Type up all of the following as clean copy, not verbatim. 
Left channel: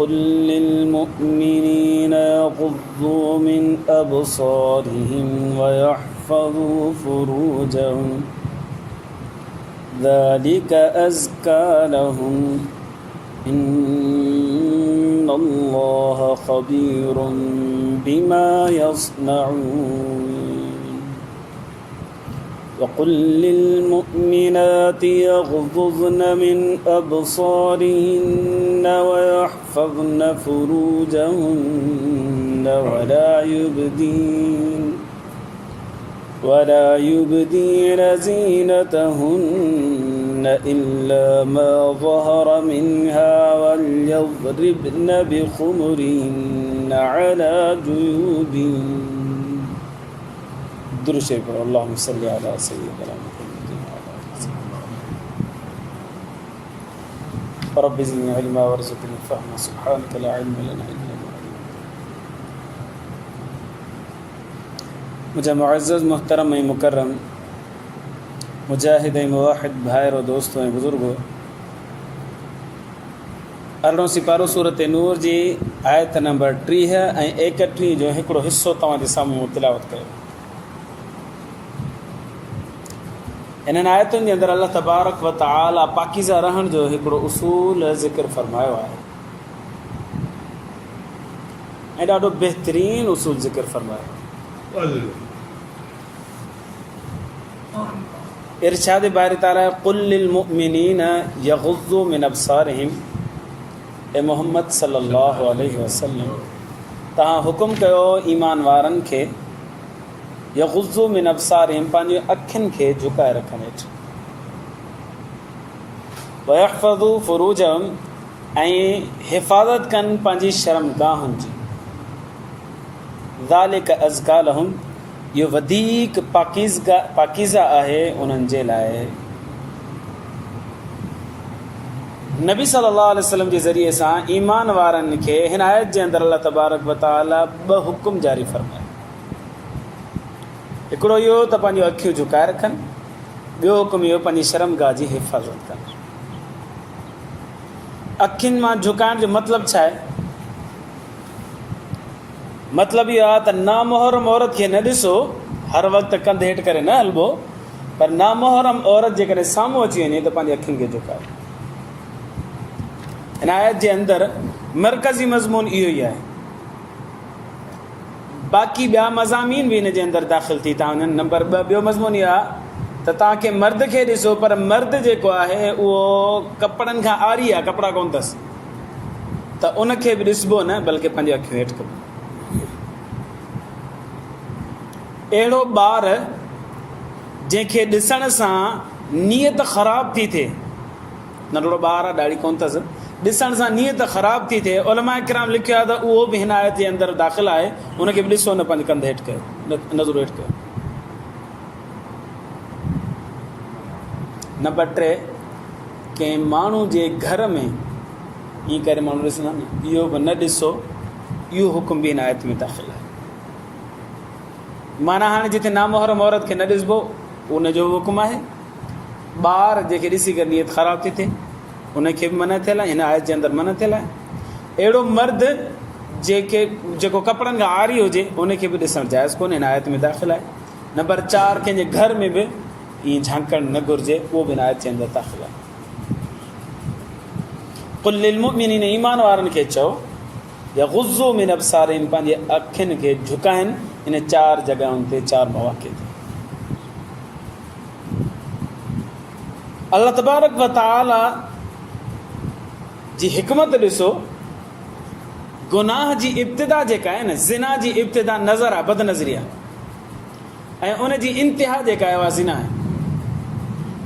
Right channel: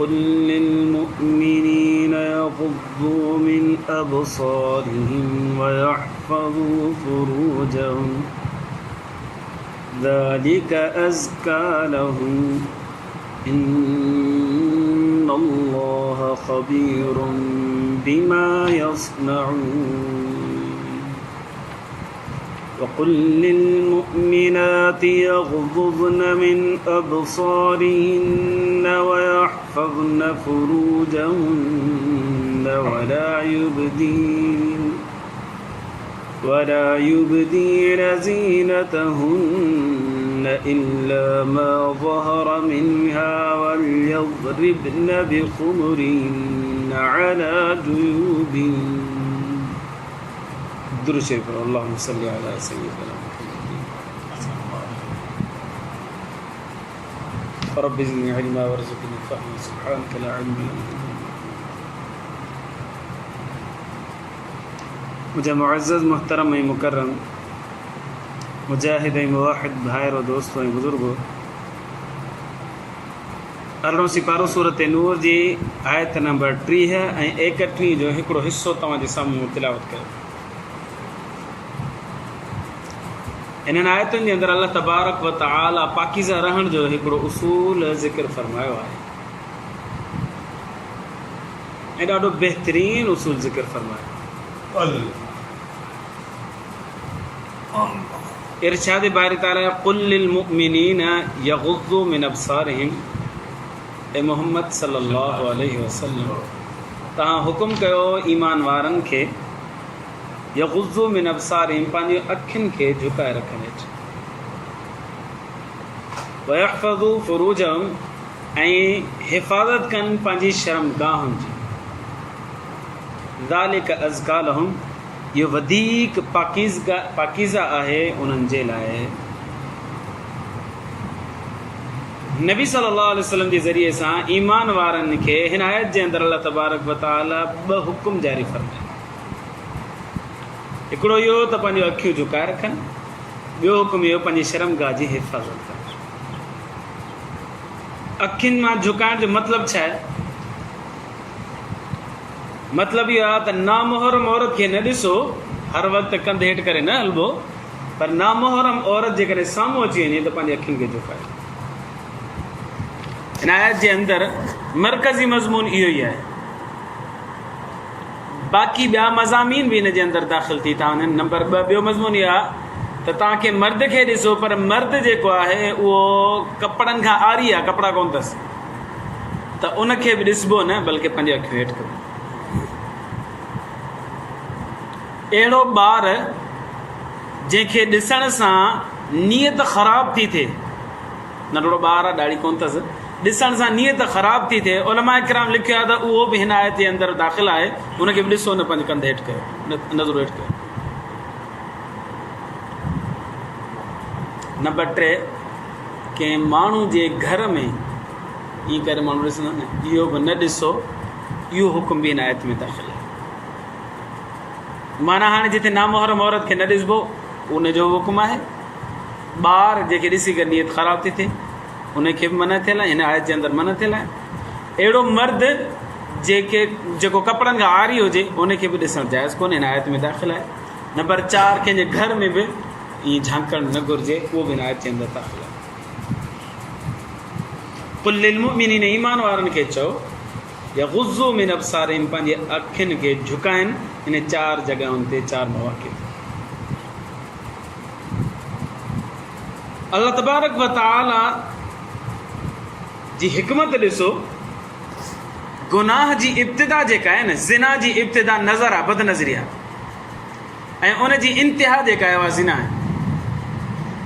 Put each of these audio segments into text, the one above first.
قل للمؤمنين يغضوا من أبصارهم ويحفظوا فروجهم ذلك أزكى لهم إن الله خبير بما يصنعون وقل للمؤمنات يغضضن من أبصارهن ويحفظن فروجهن ولا يبدين زينتهن إلا ما ظهر منها وليضربن بخمرهن على جيوبهن درود شریف پر اللهم صل علی سیدنا محمد رب زدنی علما وارزقنی فهما سبحانك لا علم لنا الا ما علمتنا मुझे मुअज़्ज़ज़ मुहतरम मुकर्रम मुजाहिद मुवाहिद भाइर और दोस्तों बुज़ुर्गो अरिड़हों सिपारो सूरत नूर जी आयत नंबर 30 ऐं 31 जो हिकिड़ो हिस्सो तव्हांजे साम्हूं तिलावत कयो। इन्हनि आयतुनि जे अंदरि अल्लाह तबारक व तआला पाकीज़ा रहण जो हिकिड़ो उसूल ज़िक्र फरमायो आहे ऐं ॾाढो बहितरीन उसूल ज़िक्र फरमायो। इरशाद बारी ताला कुल लिल मुमिनीन यग़ुज़्ज़ू मिन अबसारिहिम ए मोहम्मद सल्लल्लाहु अलैहि वसल्लम तव्हां हुकुम कयो ईमान वारनि खे यग़ुज़्ज़ू मिन अबसारिहिम पंहिंजी अखियुनि खे झुकाए रखनि हेठि वयहफ़ज़ू फ़ुरूजहुम ऐं हिफ़ाज़त कनि पंहिंजी शर्मगाहुनि जी ज़ालिक अज़का लहुम इहो वधीक पाकीज़ा आहे उन्हनि जे लाइ। नबी सल्लल्लाहु अलैहि वसल्लम जे ज़रिए सां ईमान वारनि खे हिन आयत जे अंदरि अल्लाह तबारक व तआला 2 हुकुम जारी फरमाया। हिकिड़ो इहो त पंहिंजूं अखियूं झुकाए रखनि, ॿियो हुकुम इहो पंहिंजी शर्मगाह जी हिफ़ाज़त कनि। अखियुनि मां झुकाइण जो मतिलबु छा आहे? मतिलबु इहो आहे त नामुहरम औरत खे न ॾिसो, हर वक़्तु कंधु हेठि करे न हलिबो, पर नामुहरम औरत जेकॾहिं साम्हूं अची वञे त पंहिंजी अखियुनि खे झुकाए। हिन आयत जे अंदरि मरकज़ी मज़मून इहो ई आहे। बाक़ी ॿिया मज़ामीन बि हिन जे अंदरि दाख़िल थी था वञनि। नंबर 2 ॿियो मज़मून इहो आहे त तव्हांखे मर्द खे ॾिसो, पर मर्द जेको आहे उहो कपिड़नि खां आरी आहे, कपिड़ा कोन अथसि, त उनखे बि ॾिसबो न, बल्कि पंहिंजी अखियूं हेठि कबो। अहिड़ो ॿार जंहिंखे ॾिसण सां नियत ख़राब थी थिए, नंढड़ो ॿार आहे, ॾाढ़ी कोन अथसि, ॾिसण सां नियत ख़राब थी थिए, उलमा किराम लिखियो आहे त उहो बि हिन आयत जे अंदरि दाख़िल आहे। उनखे बि ॾिसो न, पंहिंजे कंध हेठि कयो, नज़र हेठि कयो। नंबर 3 कंहिं माण्हू जे घर में ईअं करे माण्हू ॾिसंदा न, इहो बि न ॾिसो, इहो हुकुम बि हिन आयत में दाख़िल आहे। माना हाणे जिथे नामुहरम औरत खे न ॾिसबो उनजो हुकुम आहे। ॿार जंहिंखे ॾिसी करे नियत ख़राब थी थिए उनखे बि मना थियल आहे, हिन आयत जे अंदरि मना थियल आहे। अहिड़ो मर्द जेको कपिड़नि खां आरी हुजे उनखे बि ॾिसणु जाइज़ कोन्हे, हिन आयत में दाख़िल आहे। नंबर 4 कंहिंजे घर में बि ईअं झांकणु न घुरिजे, उहो बि हिन आयत जे अंदरि दाख़िल आहे। कुल लिल मुमिनीन ईमान वारनि खे चओ यग़ुज़्ज़ू मिन अबसारिहिम पंहिंजे अखियुनि खे झुकाइनि इन 4 जॻहियुनि ते, 4 मौक़े ते। अल्लाह तबारक व तआला जी हिकमत ॾिसो, गुनाह जी इब्तिदा जेका आहे न, ज़िना जी इब्तिदा नज़र आहे, बदनज़री आहे, ऐं उन जी इंतिहा जेका आहे उहा ज़िना आहे।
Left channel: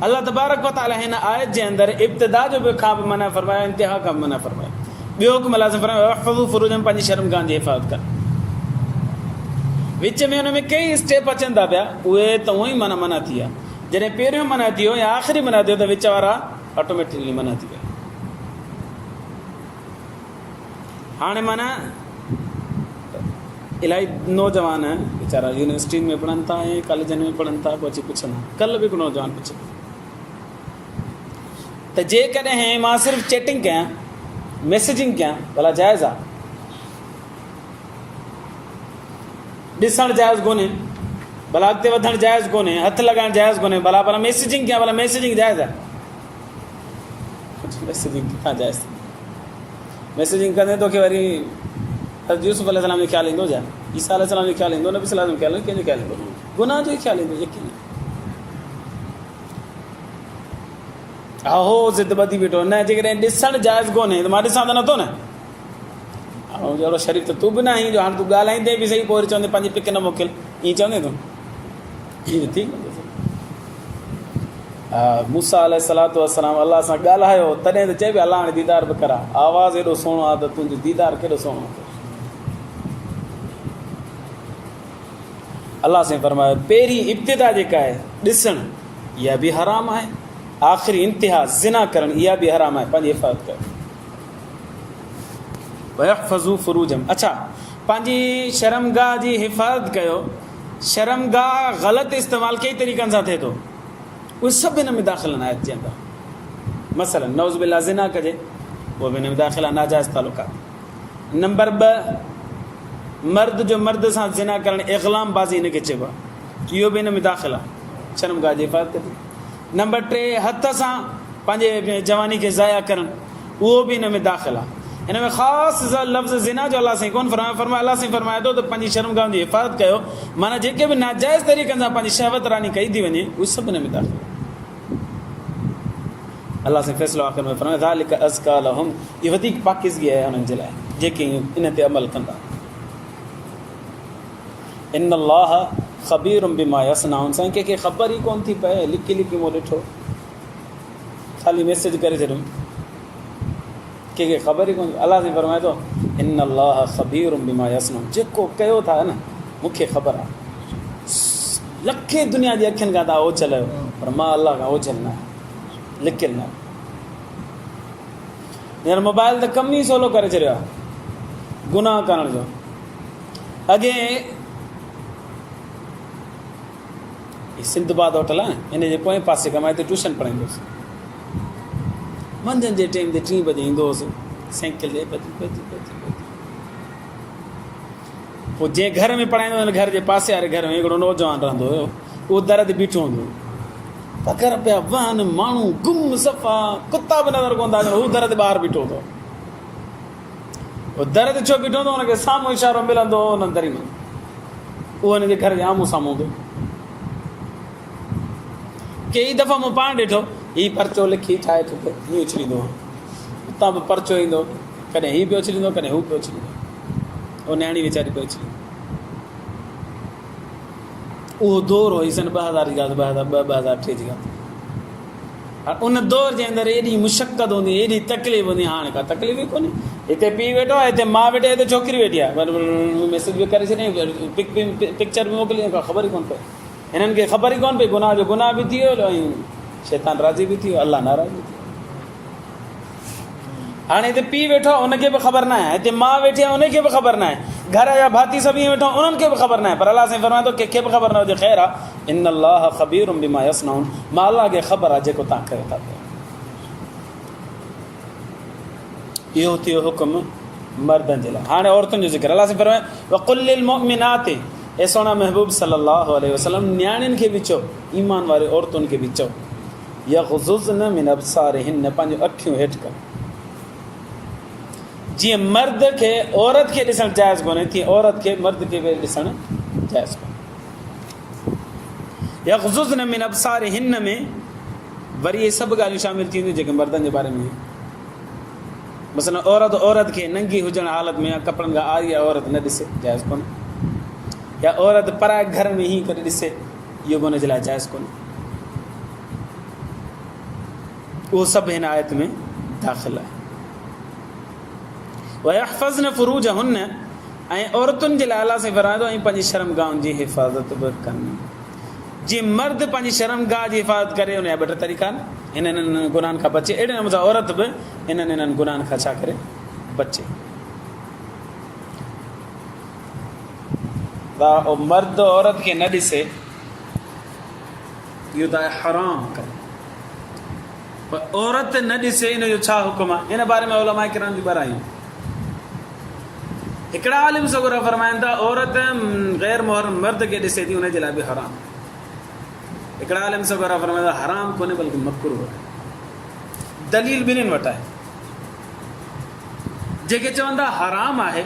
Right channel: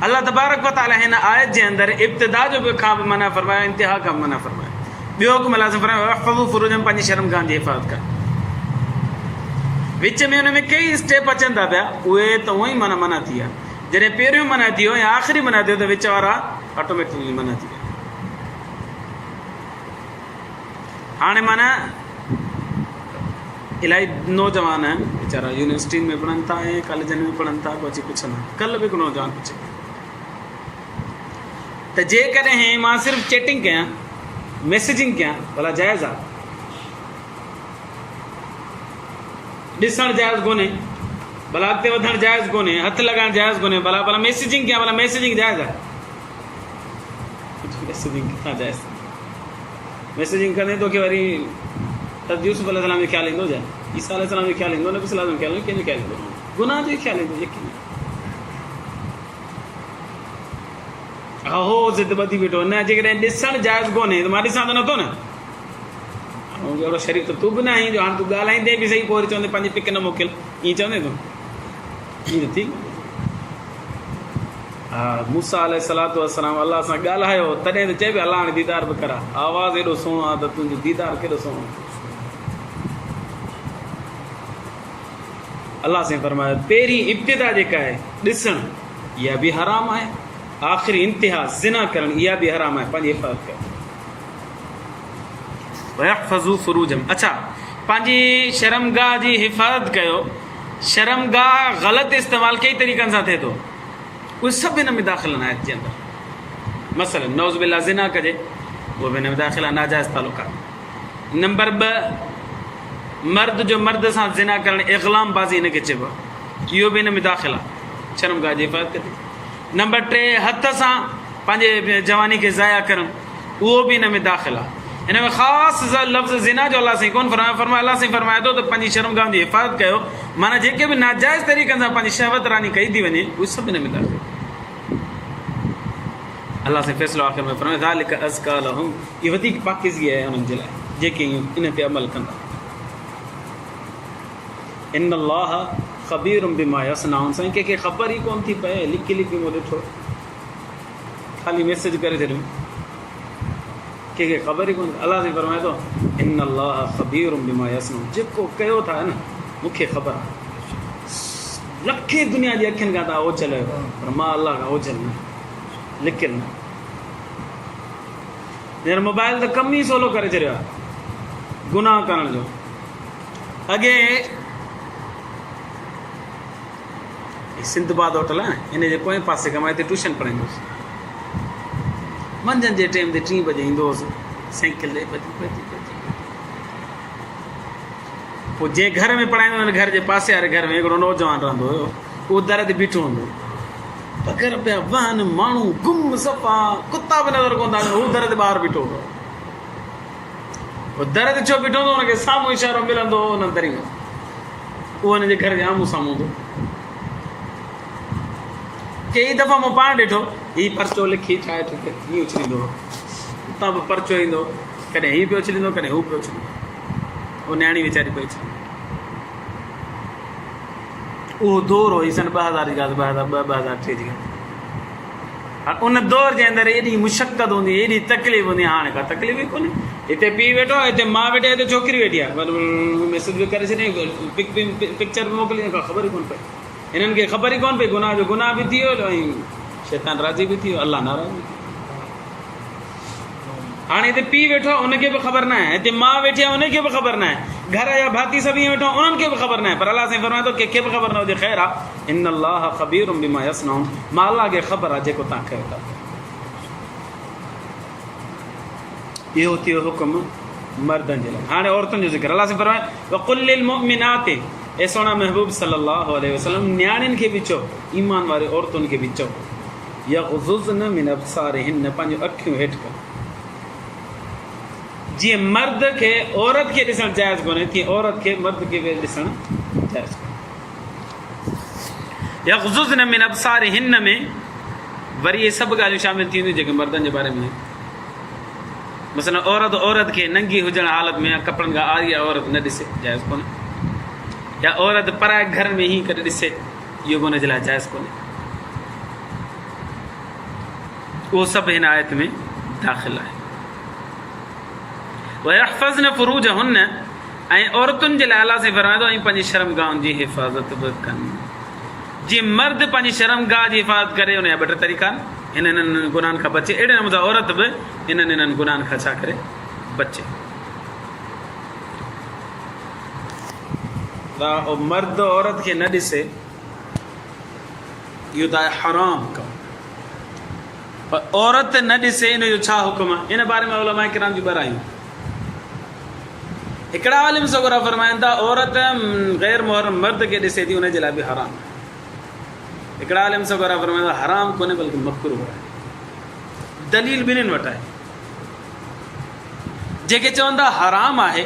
अल्लाह तबारक व तआला हिन आयत जे अंदरि इब्तिदा जो बि खां बि मना फरमायो, इंतिहा खां बि मना फरमायो। ॿियो हुकुम लाज़िम फरमायो वहफ़ज़ू फ़ुरूजहुम पंहिंजी शर्मगाह जी हिफ़ाज़त कर। विच में हुन में कई स्टेप अचनि था पिया, उहे त उहो ई मना थी विया। जॾहिं पहिरियों मना थी वियो या आख़िरी मना थियो त विच वारा ऑटोमेटिकली मना थी विया। हाणे माना इलाही नौजवान वीचारा यूनिवर्सिटी में पढ़नि था ऐं कॉलेजनि में पढ़नि था, पोइ अची पुछंदा। कल्ह बि हिकु नौजवान पुछे त जेकॾहिं मां सिर्फ़ु चैटिंग कयां, मैसेजिंग कयां, भला जाइज़ आहे? ॾिसणु जाइज़ कोन्हे, भला अॻिते वधणु जाइज़ कोन्हे, हथु लॻाइणु जाइज़ कोन्हे, भला मैसेजिंग कयां, भला मैसेजिंग जाइज़ आहे? मैसेजिंग किथां जाइज़? मैसेजिंग कंदे तोखे वरी यूसुफ अलैहिस्सलाम जो ख़्यालु ईंदो, छा ईसा अलैहिस्सलाम जो ख़्यालु ईंदो, नबी सल्लल्लाहु अलैहि वसल्लम जो ख़्यालु ईंदो, कंहिंजो ख़्यालु ईंदो? गुनाह जो ई ख़्यालु ईंदो, यकीन। हा हो ज़िद ॿधी बीठो, न जेकॾहिं ॾिसणु जाइज़ कोन्हे त मां ॾिसां त नथो न। ऐं जहिड़ो शरीफ़ त तूं बि न आहीं जो हाणे तूं ॻाल्हाईंदे बि सही, पोइ वरी चवंदे पंहिंजी पिक न मोकिल, ईअं चवंदे तूं? ईअं थी? हा, मूसा अलैहिस्सलातु वस्सलाम अलाह सां ॻाल्हायो, तॾहिं त चए पियो अलाह हाणे दीदार बि करा, आवाज़ु एॾो सुहिणो आहे त तुंहिंजो दीदार केॾो सुहिणो। अलाह साईं फरमायो पहिरीं इब्तिदा जेका आहे ॾिसणु, इहा बि हराम आहे, आख़िरी इंतिहा ज़िना करणु, इहा बि हराम आहे। पंहिंजी हिफ़ाज़त कयो। वयहफ़ज़ू फ़ुरूजम, अच्छा पंहिंजी शर्मगाह जी हिफ़ाज़त कयो। शर्मगाह ग़लति इस्तेमालु कई तरीक़नि सां थिए थो, उहे सभु हिन में दाख़िल आहिनि आयत जे अंदरि। मसलन नौज़ बिल्लाह ज़िना कजे, उहो बि हिन में दाख़िल आहे, नाजाइज़ तालुक़ात। नंबर 2, मर्द जो मर्द सां ज़िना करणु, इग़लाम बाज़ी हिनखे चइबो आहे, इहो बि हिन में दाख़िल आहे, शर्मगाह जी हिफ़ाज़त कजे। नंबर 3, हथ सां पंहिंजे जवानी खे ज़ाया करणु, उहो बि हिन में दाख़िल आहे। हिन में ख़ासि लफ़्ज़ ज़िना जो अलाह साईं कोन फरमायो, अलाह साईं फरमाए थो त पंहिंजी शर्मगाह जी हिफ़ाज़त कयो, माना जेके बि नाजाइज़ तरीक़नि सां पंहिंजी शहवत रानी कई थी वञे, उहे सभु हिन में दाख़िल। अलाह साईं फ़ैसिलो आख़िर में फरमाए ज़ालिक अज़का लहुम, इहा वधीक पाकीज़गी आहे उन्हनि जे लाइ जेके इन ते अमल कंदा। इन्नल्लाह ख़बीरुम बिमा यसनाउन, साईं कंहिंखे ख़बर ई कोन थी पए, लिकी लिकी मूं ॾिठो, ख़ाली मैसेज करे छॾियो, कंहिंखे ख़बर ई कोन। अलाह साईं फरमाए थो इन्नल्लाह ख़बीरुम बिमा यसनाउन, जेको कयो था न मूंखे ख़बर आहे। लखे दुनिया जी अखियुनि खां तव्हां ओझल आहियो, पर मां अलाह खां ओझल न आहियां, लिकियलु न। हींअर मोबाइल त कमु ई सवलो करे छॾियो आहे गुनाह करण जो। अॻे सिंधबाद होटल आहे न, इन जे पोएं पासे खां मां हिते ट्यूशन पढ़ाईंदो हुउसि। मंझंदि जे टाइम ते 3 बजे ईंदो हुउसि, साइकिल ते पोइ जंहिं घर में पढ़ाईंदो हुन घर जे पासे वारे घर में हिकिड़ो नौजवान रहंदो हुयो, उहो दर ते बीठो हूंदो, पघर पिया वहनि, माण्हू गुम सफ़ा, कुता बि नज़र कोन था अचनि, हू दर ते ॿाहिरि बीठो हूंदो। उहो दर ते छो बीठो हूंदो, हुनखे साम्हूं इशारो मिलंदो हो हुन दरी में, उहो हुनजे घर जे आम्हूं साम्हूं हूंदो। कई दफ़ा मूं पाण ॾिठो, हीउ परचो लिखी ठाहे ठुके हीअं उछलींदो हो, उतां बि परचो ईंदो, कॾहिं हीउ पियो उछलींदो, कॾहिं हू पियो उछलींदो, उहो न्याणी वीचारी पई उछलींदी। उहो दौर हुई सन 2000 जी ॻाल्हि, 2002-2003 जी ॻाल्हि। हाणे उन दौर जे अंदरि एॾी मुशक़त हूंदी, एॾी तकलीफ़ हूंदी, हाणे का तकलीफ़ ई कोन्हे। हिते पीउ वेठो आहे, हिते माउ वेठी आहे, हिते छोकिरी वेठी आहे, मैसेज बि करे छॾियईं, पिक्चर बि मोकिलियईं, का ख़बर ई कोन पई। हिननि खे ख़बर ई कोन पई, गुनाह जो गुनाह बि थी वियो ऐं शैतान राज़ी बि थी वियो, अलाह नाराज़ बि थी वियो। हाणे हिते पीउ वेठो आहे, उनखे बि ख़बर न आहे, हिते माउ वेठी आहे, उनखे बि ख़बर न आहे, घर जा भाती सभु ईअं वेठा, उन्हनि खे बि ख़बर न आहे, पर अलाह साईं फरमाए थो कंहिंखे बि ख़बर न हुजे, ख़ैर आहे। इन्नल्लाह ख़बीरुम बिमा यसनाउन, मां अलाह खे ख़बर आहे जेको तव्हां कयो था। इहो थियो हुकुम मर्दनि जे लाइ। हाणे औरतुनि जो ज़िक्र, अलाह साईं फरमाए वक़ुल लिल मुअमिनाति, ऐं सोना महबूब सल्लल्लाहु अलैहि वसल्लम न्याणियुनि खे बि चओ, ईमान वारे औरतुनि खे बि चओ, यग़ज़ुज़्न मिन अब्सारिहिन्न, पंहिंजूं अखियूं हेठि कनि। जीअं मर्द खे औरत खे ॾिसणु जाइज़ कोन्हे, तीअं औरत खे मर्द खे बि ॾिसणु जाइज़ कोन्हे। यग़ज़ुज़्न मिन अब्सारिहिन्न में वरी इहे सभु ॻाल्हियूं शामिलु थी वेंदियूं जेके मर्दनि जे बारे में। मसलन औरत खे नंगी हुजण हालत में या कपिड़नि खां आरी आहे औरत न ॾिसे, जाइज़ कोन्हे। या औरत पराए घर में ई करे ॾिसे, इहो बि हुनजे लाइ जाइज़ कोन्हे। उहो सभु हिन आयत में दाख़िल आहे। वयहफ़ज़्न फ़ुरूजहुन्न, ऐं औरतुनि जे लाइ अलाह साईं फरमाए थो ऐं पंहिंजी शर्मगाहुनि जी हिफ़ाज़त बि कनि। जीअं मर्द पंहिंजी शर्मगाह जी हिफ़ाज़त करे, उन जा 2 तरीक़ा आहिनि, हिननि गुनाहनि खां बचे, अहिड़े नमूने सां औरत बि इन्हनि गुनाहनि खां छा करे बचे। मर्द औरत खे न ॾिसे, इहो त आहे हराम कमु। पर औरत न ॾिसे इन जो छा हुकुम आहे? इन बारे में उलमा किराम जी ॿरायूं। हिकिड़ा आलिम सगोरा फरमाइनि था औरत ग़ैर मुहर्रम मर्द खे ॾिसे थी उनजे लाइ बि हराम आहे। हिकिड़ा आलिम सगोरा फरमाइनि था हराम कोन्हे बल्कि मकरूह आहे। दलील ॿिन्हिनि वटि आहे। जेके चवनि था हराम आहे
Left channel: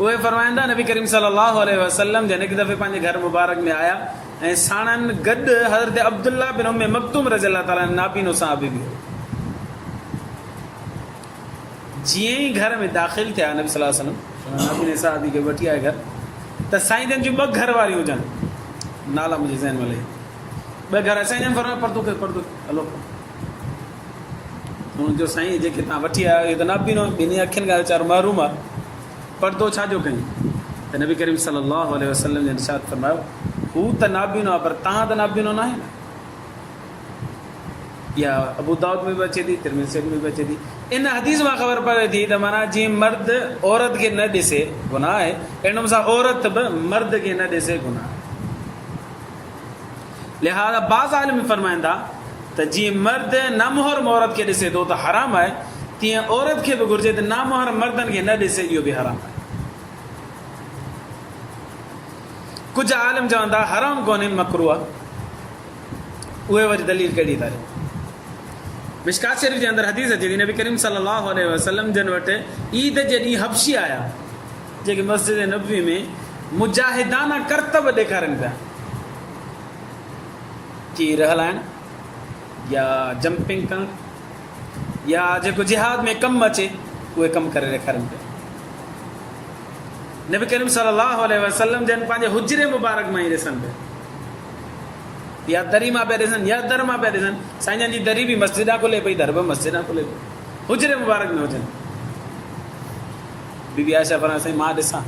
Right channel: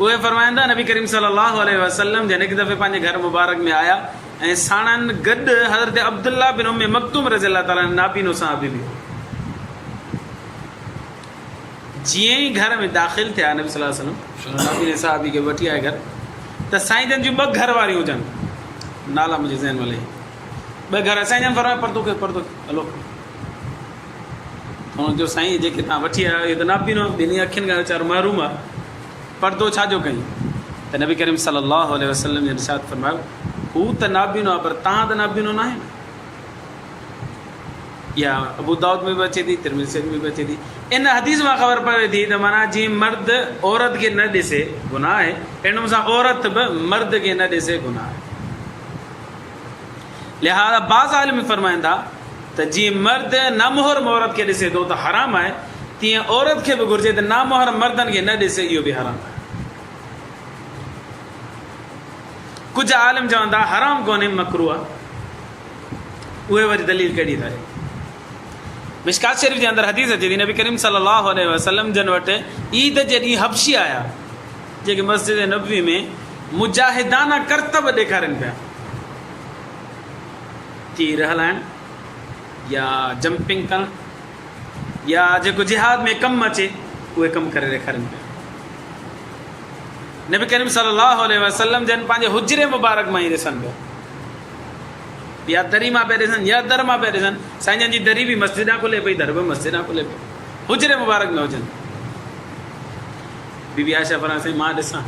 उहे फरमाइनि था नबी करीम सल्लल्लाहु अलैहि वसल्लम जन हिकु दफ़े पंहिंजे घर मुबारक में आया ऐं साणनि गॾु हज़रत अब्दुल्ला बिन उम्मे मक्तूम रज़ी अल्लाह ताला नाबीनो साहबी बि हो। जीअं ई घर में दाख़िल थिया नबी सल्लल्लाहु अलैहि वसल्लम नाबीने साहबी खे वठी आए घर, त साईं जन जूं ॿ घर वारियूं हुजनि, नाला मुंहिंजे ज़हन में लही ॿ घर। साईं जन फरमाए पर्दो खे हलो जो साईं जेके तव्हां वठी आया इहो त नाबीनो ॿिन्ही अखियुनि खां वीचारो महरूम आहे, पर्दो छाजो कयूं? त नबी करीम सल्लल्लाहु अलैहि वसल्लम जे इरशाद फरमायो हू त नाबीनो आहे पर तव्हां त नाबीनो न आहे न। या अबू दाऊद में बि अचे थी, तिरमिज़ी में बि अचे थी। इन हदीस मां ख़बर पवे थी त माना जीअं मर्द औरत खे न ॾिसे गुनाह आहे, अहिड़े सां औरत बि मर्द खे न ॾिसे गुनाह आहे। लिहाज़ा बाज़ आलिम फरमाइनि था त जीअं मर्द नामुहरम औरत खे ॾिसे थो त हराम आहे, तीअं औरत खे बि घुरिजे त नामुहरम मर्दनि खे न ॾिसे, इहो बि हराम आहे। कुझु आलिम चवनि था हराम कोन्हे मकरूह आहे। उहे वरी दलील कहिड़ी था ॾियनि? मिशकात शरीफ़ जे अंदरि हदीस अचे थी नबी करीम सल्लल्लाहु अलैहि वसल्लम जन वटि ईद जे ॾींहुं हबशी आया जेके मस्जिद नबवी में मुजाहिदाना करतब ॾेखारनि पिया, तीर हलाइणु या जंपिंग करणु या जेको जिहाद में कमु अचे उहे कमु करे ॾेखारनि पिया। नबी करीम सल्लल्लाहु अलैहि वसल्लम जन पंहिंजे हुजरे मुबारक मां ई ॾिसनि पिया, या दरी मां पिया ॾिसनि या दर मां पिया ॾिसनि। साईं जन जी दरी बि मस्जिद आहे खुले पई, दर बि मस्जिद आहे खुले पई, हुजरे मुबारक में हुजनि। बीबी आयशा फरमाए साईं मां ॾिसां,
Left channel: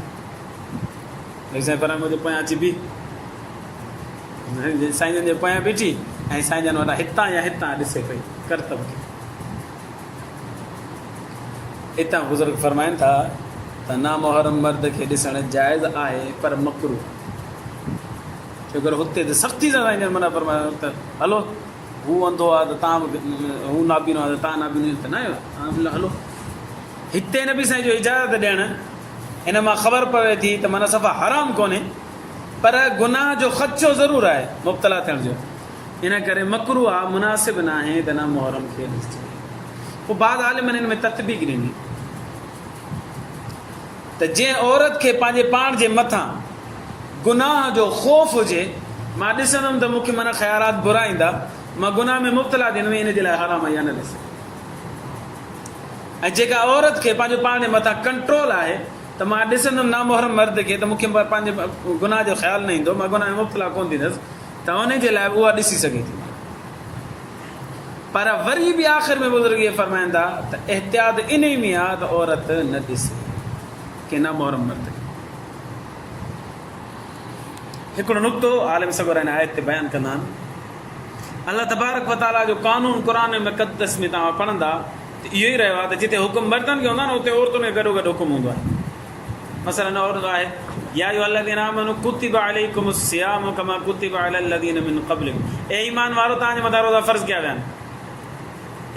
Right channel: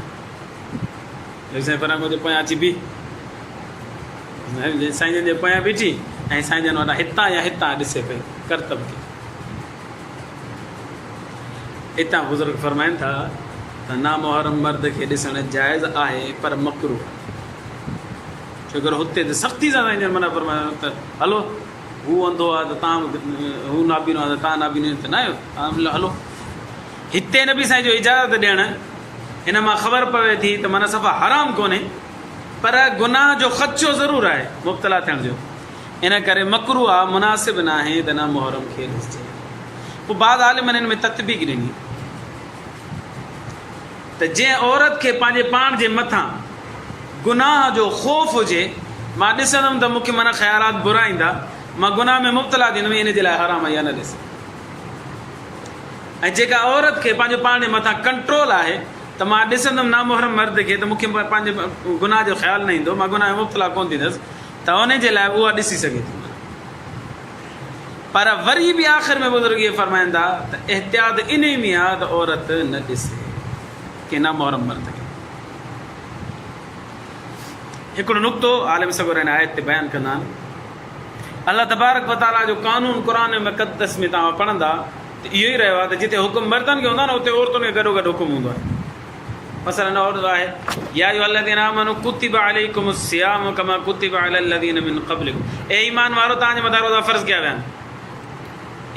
साईं फरमाए मुंहिंजे पोयां अची बि, साईं जन जे पोयां बीठी ऐं साईं जन वटां हितां या हितां ॾिसे पई करतब खे। हितां बुज़ुर्ग फरमाइनि था त नामुहरम मर्द खे ॾिसणु जाइज़ आहे पर मकरूह आहे। छो करे हुते त सख़्ती सां साईं जन मना फरमायो त हलो हू अंधो आहे त तव्हां हू नाबीनो आहे त तव्हां नाबीनो त न आहियो, तव्हां हलो। हिते न बि साईं जो इजाज़त ॾियणु इन मां ख़बर पवे थी त माना सफ़ा हराम कोन्हे, पर गुनाह जो ख़दशो ज़रूरु आहे मुब्तला थियण जो। इन करे मकरूह आहे, मुनासिब न आहे त नामुहरम खे ॾिसजे। पोइ बाद आलिमनि हिन में तत्बीक ॾिनी त जंहिं औरत खे पंहिंजे पाण जे मथां गुनाह जो ख़ौफ़ हुजे, मां ॾिसंदुमि त मूंखे माना ख़्यालात बुरा ईंदा, मां गुनाह में मुब्तला थींदुमि, इन जे लाइ हराम आहे या न ॾिसे। ऐं जेका औरत खे पंहिंजे पाण जे मथां कंट्रोल आहे त मां ॾिसंदुमि नामुहरम मर्द खे त मूंखे पंहिंजे गुनाह जो ख़्यालु न ईंदो, मां गुनाह में मुब्तला कोन थींदसि, त उन जे लाइ उहा ॾिसी सघे थी। पर वरी बि आख़िर में बुज़ुर्ग इहे फरमाइनि था त एहतियात इन ई में आहे त औरत न ॾिसे के नामुहरम मर्द खे। हिकिड़ो नुक़्तो आलिम सगोर हिन आयत ते बयानु कंदा आहिनि। अल्लाह तबारक व ताला जो कानून क़ुरान मुक़द्दस में तव्हां पढ़ंदा त इहो ई रहियो आहे त जिते हुकुम मर्दनि खे हूंदो आहे न उते औरतुनि खे गॾो गॾु हुकुम हूंदो आहे। मसलन औरत आहे या अय्युहल्लज़ीना आमनू कुतिबा अलैकुमुस सियाम कमा कुतिबा अलल लज़ीना मिन क़ब्लिकुम, ए ईमान वारो तव्हांजे मथां रोज़ा फ़र्ज़ कया विया आहिनि।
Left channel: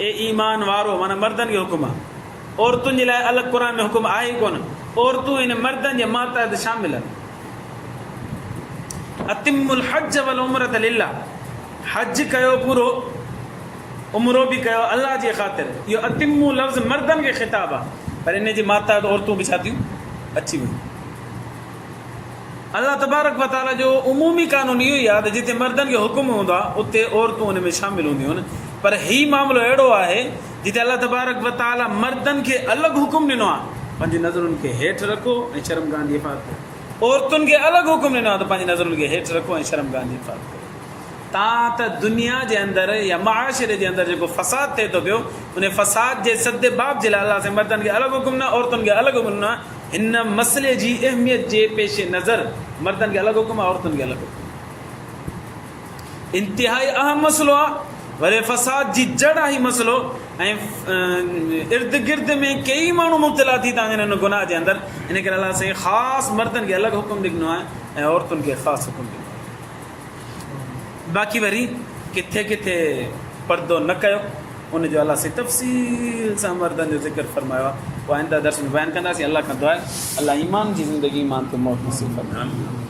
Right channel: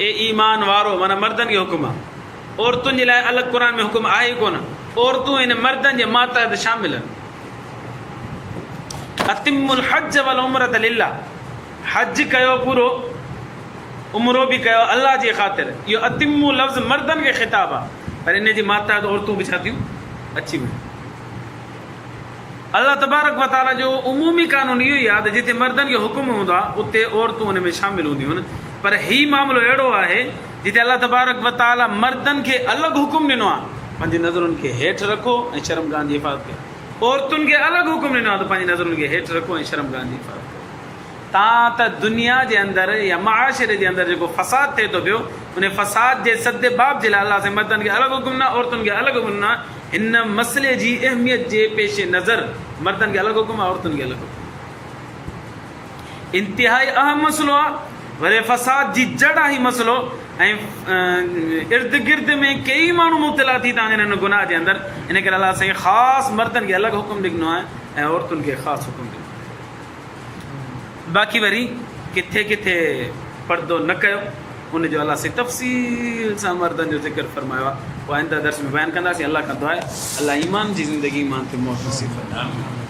ए ईमान वारो माना मर्दनि खे हुकुम आहे, औरतुनि जे लाइ अलॻि क़ुरान में हुकुम आहे ई कोन। औरतूं इन मर्दनि जे मातहत शामिल आहिनि। अतिमुल हज वल उमरत लिल्लाह, हज कयो पूरो, उमरो बि कयो अल्लाह जी ख़ातिर। इहो अतिमु लफ़्ज़ मर्दनि खे ख़िताब आहे, पर इन जी मातहत औरतूं बि छा थियूं अची वियूं। अल्लाह तबारक व ताला जो उमूमी कानून इहो ई आहे त जिते मर्दनि खे हुकुम हूंदो आहे उते औरतूं उन में शामिल हूंदियूं आहिनि। पर हीउ मामिलो अहिड़ो आहे जिते अल्लाह तबारक व ताला मर्दनि खे अलॻि हुकुम ॾिनो आहे, पंहिंजी नज़रुनि खे हेठि रखो ऐं शर्मगाह जी हिफ़ाज़त कयो। औरतुनि खे अलॻि हुकुम ॾिनो आहे त पंहिंजी नज़रुनि खे हेठि रखो ऐं शर्मगाह जी हिफ़ाज़त कयो। तव्हां त दुनिया जे अंदरि या माशरे जे अंदरि जेको फ़साद थिए थो पियो, उन फ़साद जे सदेबाब जे लाइ अल्लाह से मर्दनि खे अलॻि हुकुम न, औरतुनि खे अलॻि हुकुम न। हिन मसइले जी अहमियत जे पेश नज़र मर्दनि खे अलॻि हुकुम आहे, औरतुनि खे अलॻि हुकुम। इंतिहाई अहम मसइलो आहे, वरी फ़साद जी जड़ आहे मसइलो, ऐं इर्द गिर्द में कई माण्हू मुब्तला थी था वञनि हिन गुनाह जे अंदरि। इन करे अलाह साईं ख़ासि मर्दनि खे अलॻि हुकुम ॾिनो आहे ऐं औरतुनि खे ख़ासि हुकुम ॾिनो आहे। बाक़ी वरी किथे किथे पर्दो न कयो, उनजो अलाह से तफ़सील सां मर्दनि जो ज़िक्र फरमायो आहे। उहा आइंदा दर्स में बयानु कंदासीं। अलाह खां दुआ आहे अलाह ईमान जी ज़िंदगी ईमान ते मौत नसीब फरमाए।